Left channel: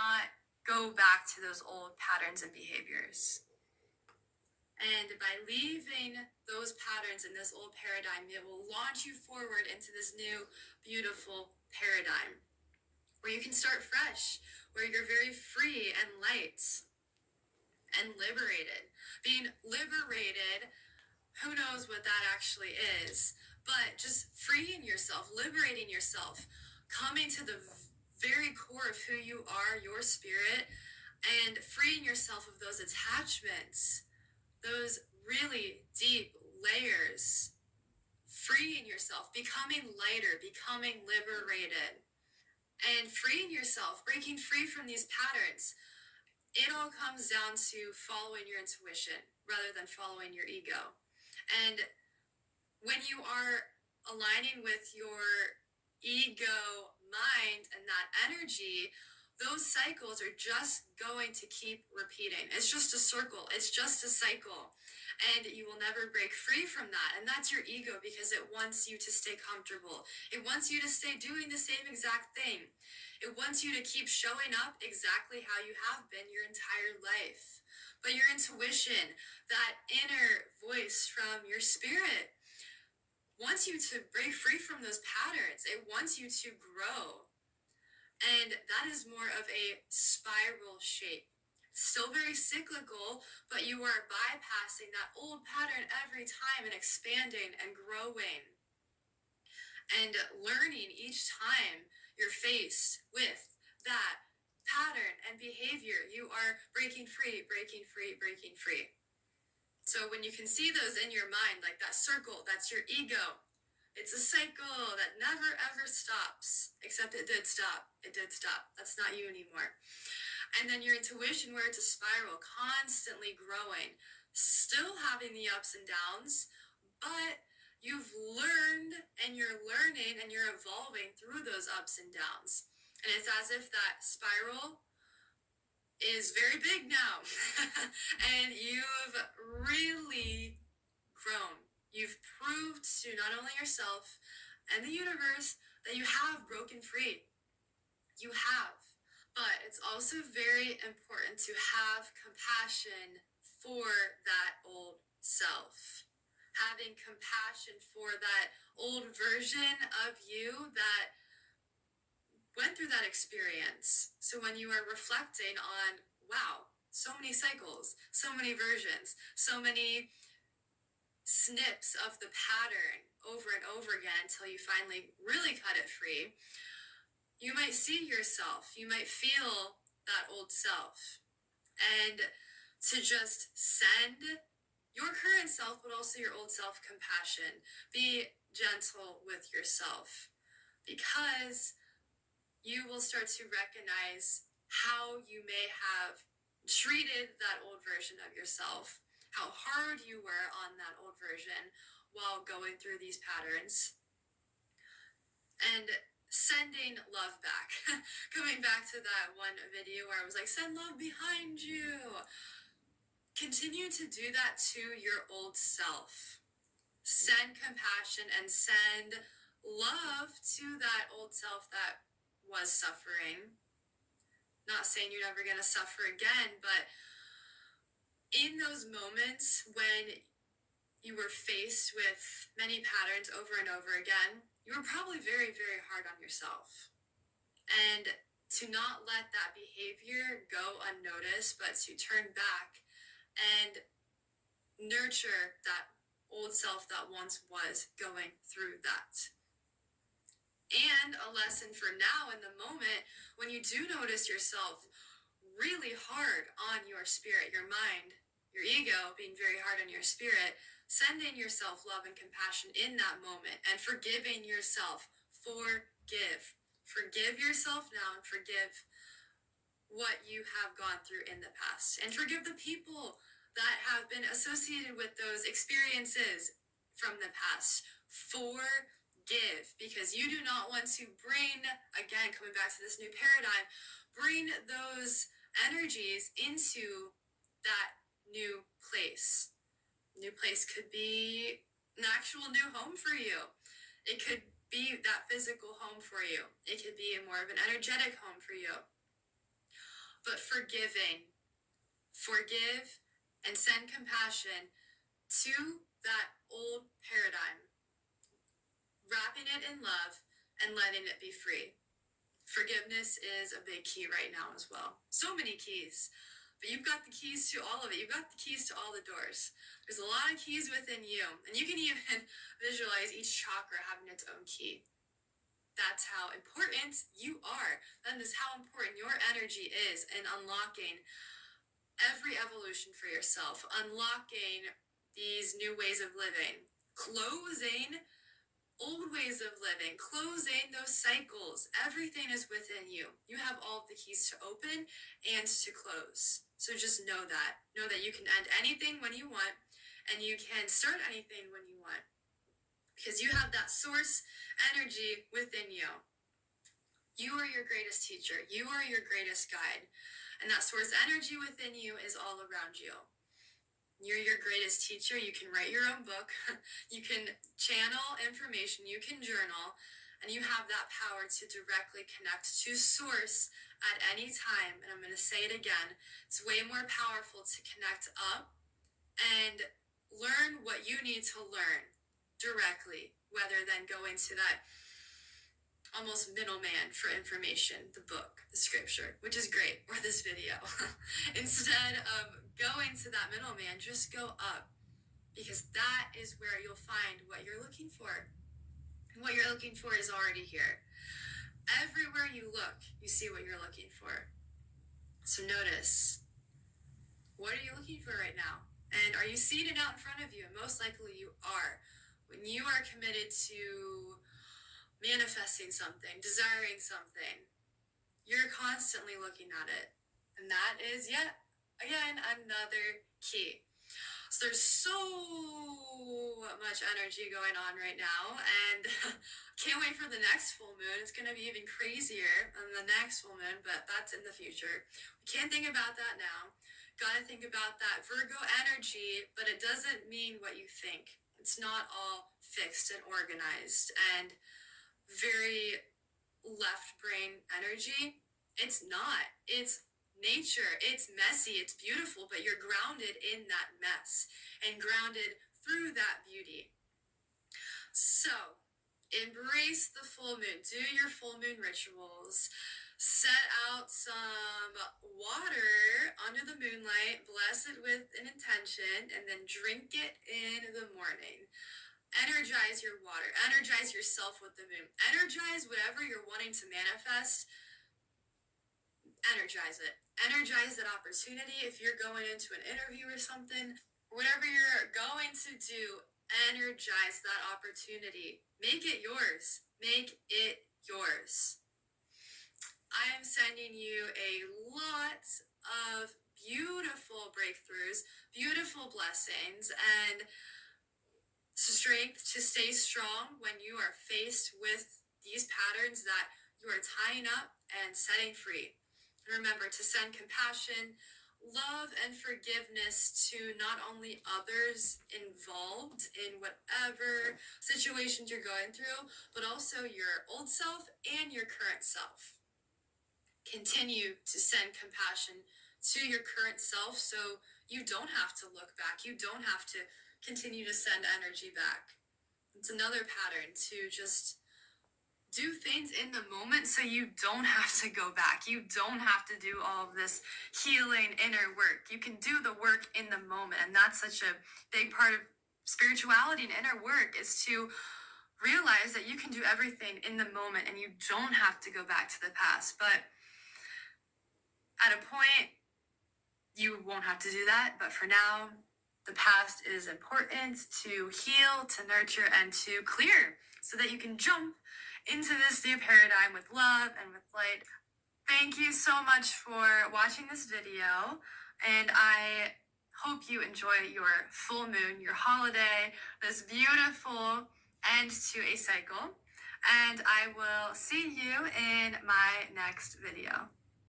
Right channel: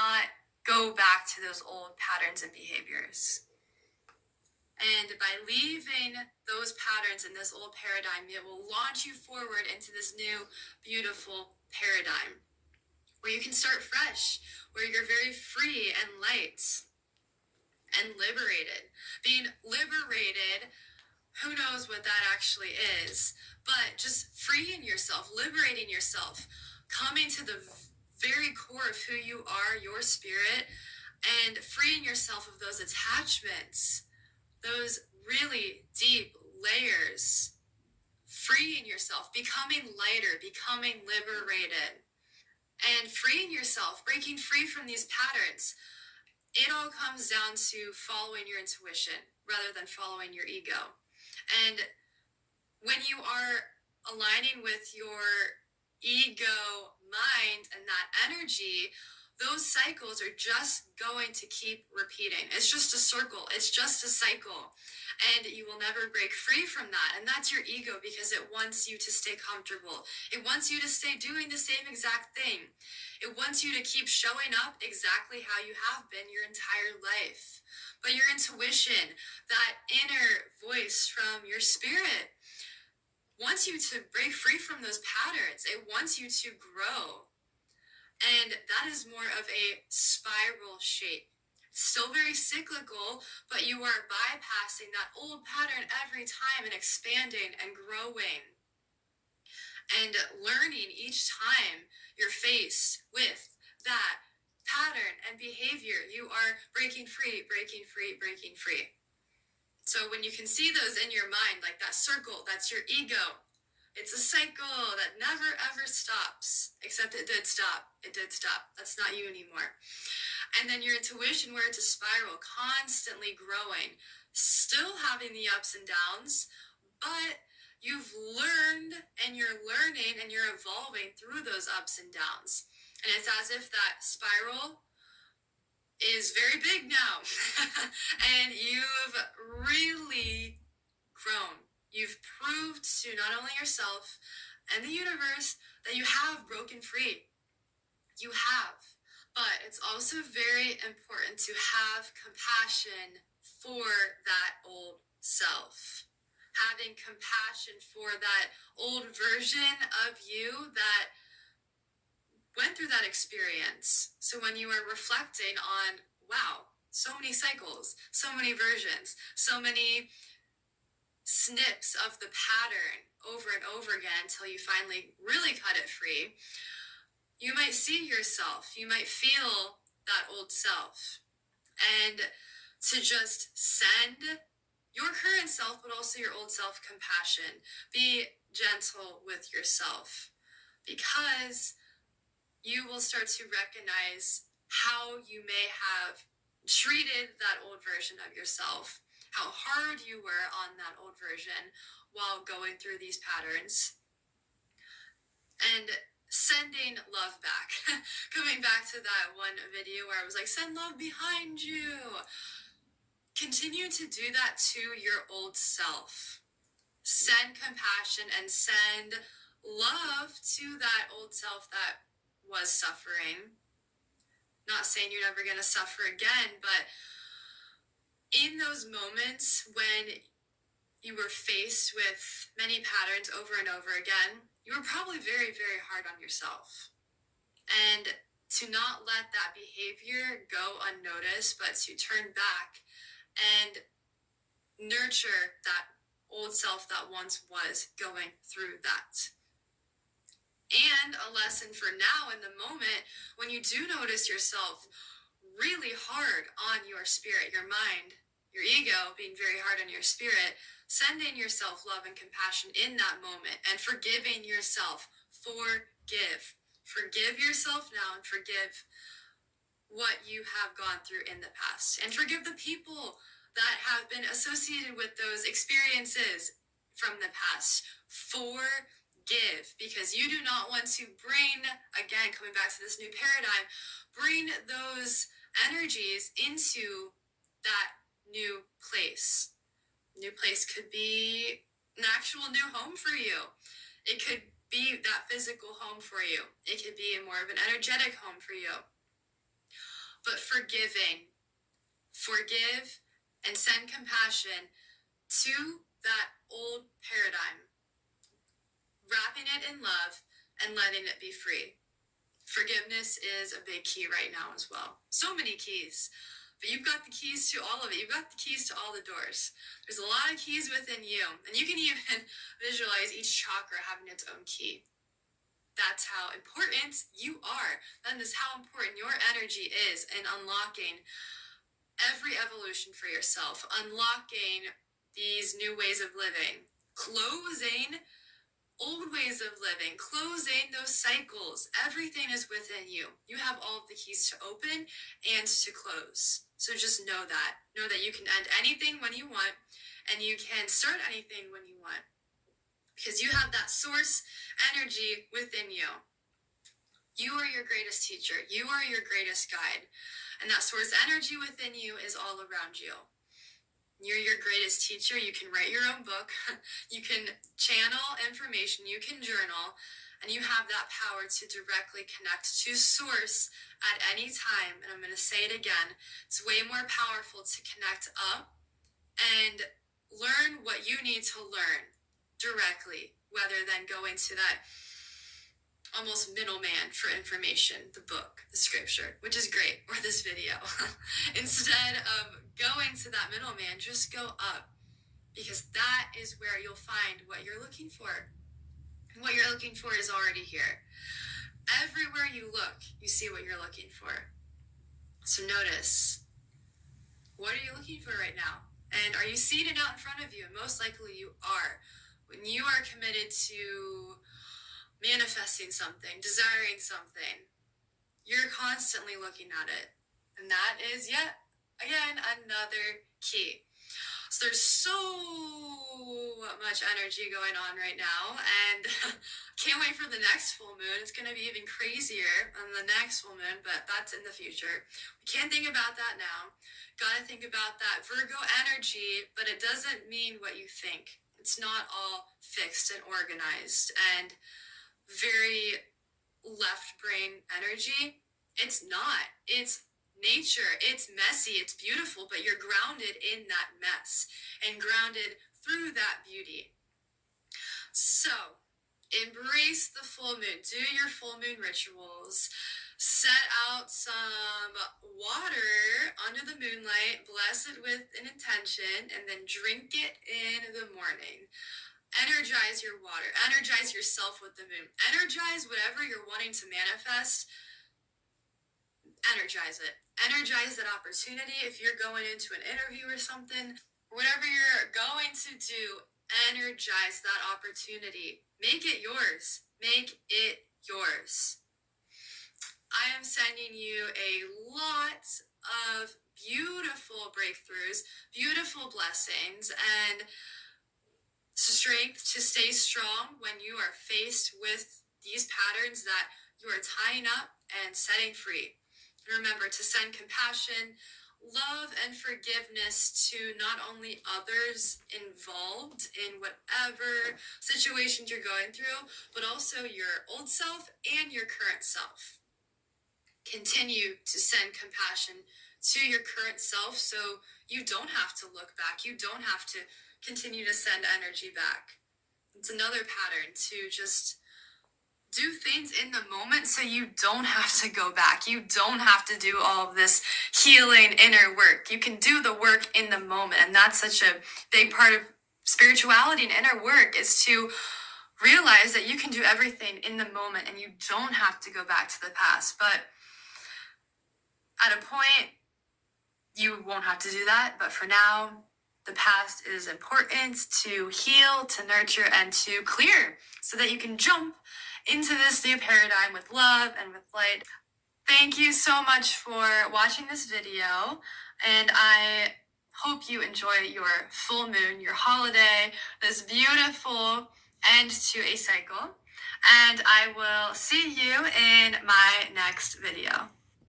not go back to those old patterns and behaviors. And by leaving those patterns in this old paradigm, it will launch you forward into this new, beautiful paradigm where you can start fresh, where you're very free and light and liberated. Being liberated, who knows what that actually is, but just freeing yourself, liberating yourself, coming to the very core of who you are, your spirit, and freeing yourself of those attachments, those really deep layers, freeing yourself, becoming lighter, becoming liberated, and freeing yourself, breaking free from these patterns. It all comes down to following your intuition rather than following your ego. And when you are aligning with your ego mind and that energy, those cycles are just going to keep repeating. It's just a circle. It's just a cycle. And you will never break free from that. And that's your ego, because it wants you to stay comfortable. It wants you to stay doing the same exact thing. It wants you to keep showing up exactly how you have been your entire life. But your intuition, that inner voice from your spirit, wants you to break free from those patterns. It wants you to grow. And that is more of a spiral shape. Still very cyclical, but you are bypassing that old pattern every time and expanding and growing and learning each time you're faced with that pattern and behavior. You are breaking free, breaking free, breaking free. So when you can see those in your mind, like that circle, that's your ego. It's a cycle that never ever stops, except it did stop. It did stop. That's not you anymore. And then your intuition, where it's a spiral, constantly growing, still having the ups and downs, but you've learned and you're learning and you're evolving through those ups and downs. And it's as if that spiral is very big now and you've really grown. You've proved to not only yourself and the universe that you have broken free. You have. But it's also very important to have compassion for that old self. Having compassion for that old version of you that went through that experience. So when you are reflecting on, wow, so many cycles, so many versions, so many snips of the pattern over and over again until you finally really cut it free, you might see yourself, you might feel that old self. And to just send your current self, but also your old self, compassion. Be gentle with yourself, because you will start to recognize how you may have treated that old version of yourself, how hard you were on that old version while going through these patterns, and sending love back. Coming back to that one video where I was like, send love behind you. Continue to do that to your old self. Send compassion and send love to that old self that was suffering. Not saying you're never going to suffer again, but in those moments when you were faced with many patterns over and over again, you were probably very, very hard on yourself. And to not let that behavior go unnoticed, but to turn back and nurture that old self that once was going through that. And a lesson for now in the moment, when you do notice yourself really hard on your spirit, your mind, your ego being very hard on your spirit, sending yourself love and compassion in that moment and forgiving yourself. Forgive. Forgive yourself now and forgive what you have gone through in the past. And forgive the people that have been associated with those experiences from the past. Forgive, because you do not want to bring, again, coming back to this new paradigm, bring those energies into that new place. New place could be an actual new home for you. It could be that physical home for you. It could be more of an energetic home for you. but forgiving. Forgive and send compassion to that old paradigm, wrapping it in love and letting it be free. Forgiveness is a big key right now as well. So many keys, but you've got the keys to all of it. You've got the keys to all the doors. There's a lot of keys within you, and you can even visualize each chakra having its own key. That's how important you are. That is how important your energy is in unlocking every evolution for yourself, unlocking these new ways of living, closing old ways of living, closing those cycles. Everything is within you. You have all of the keys to open and to close. So just know that. Know that you can end anything when you want, and you can start anything when you want. Because you have that source energy within you. You are your greatest teacher. You are your greatest guide. And that source energy within you is all around you. You're your greatest teacher. You can write your own book. You can channel information. You can journal. And you have that power to directly connect to source at any time. And I'm going to say it again. It's way more powerful to connect up and learn what you need to learn directly, rather than going to that almost middleman for information, the book, the scripture, which is great, or this video. Instead of going to that middleman, just go up, because that is where you'll find what you're looking for. What you're looking for is already here. Everywhere you look, you see what you're looking for. So notice, what are you looking for right now? And are you seeing it out in front of you? And most likely you are. When you are committed to manifesting something, desiring something, you're constantly looking at it. And that is, yet again, another key. So there's so much energy going on right now, and can't wait for the next full moon. It's going to be even crazier on the next full moon, but that's in the future. We can't think about that now. Got to think about that Virgo energy, but it doesn't mean what you think. It's not all fixed and organized and very left brain energy. It's not. It's nature. It's messy. It's beautiful, but you're grounded in that mess and grounded through that beauty. So embrace the full moon. Do your full moon rituals. Set out some water under the moonlight. Bless it with an intention, and then drink it in the morning. Energize your water. Energize yourself with the moon. Energize whatever you're wanting to manifest. Energize it. Energize that opportunity. If you're going into an interview or something, whatever you're going to do, energize that opportunity. Make it yours. Make it yours. I am sending you a lot of beautiful breakthroughs, beautiful blessings, and strength to stay strong when you are faced with these patterns that you are tying up and setting free. Remember to send compassion, love, and forgiveness to not only others involved in whatever situations you're going through, but also your old self and your current self. Continue to send compassion to your current self so you don't have to look back. You don't have to continue to send energy back. It's another pattern to just do things in the moment so you don't have to go back. You don't have to do all of this healing inner work. You can do the work in the moment. And that's such a big part of spirituality and inner work, is to realize that you can do everything in the moment and you don't have to go back to the past. But at a point, you won't have to do that. But for now, the past is important to heal, to nurture, and to clear so that you can jump into this new paradigm with love and with light. Thank you so much for watching this video, and I hope you enjoy your full moon, your holiday, this beautiful end to a cycle, and I will see you in my next video.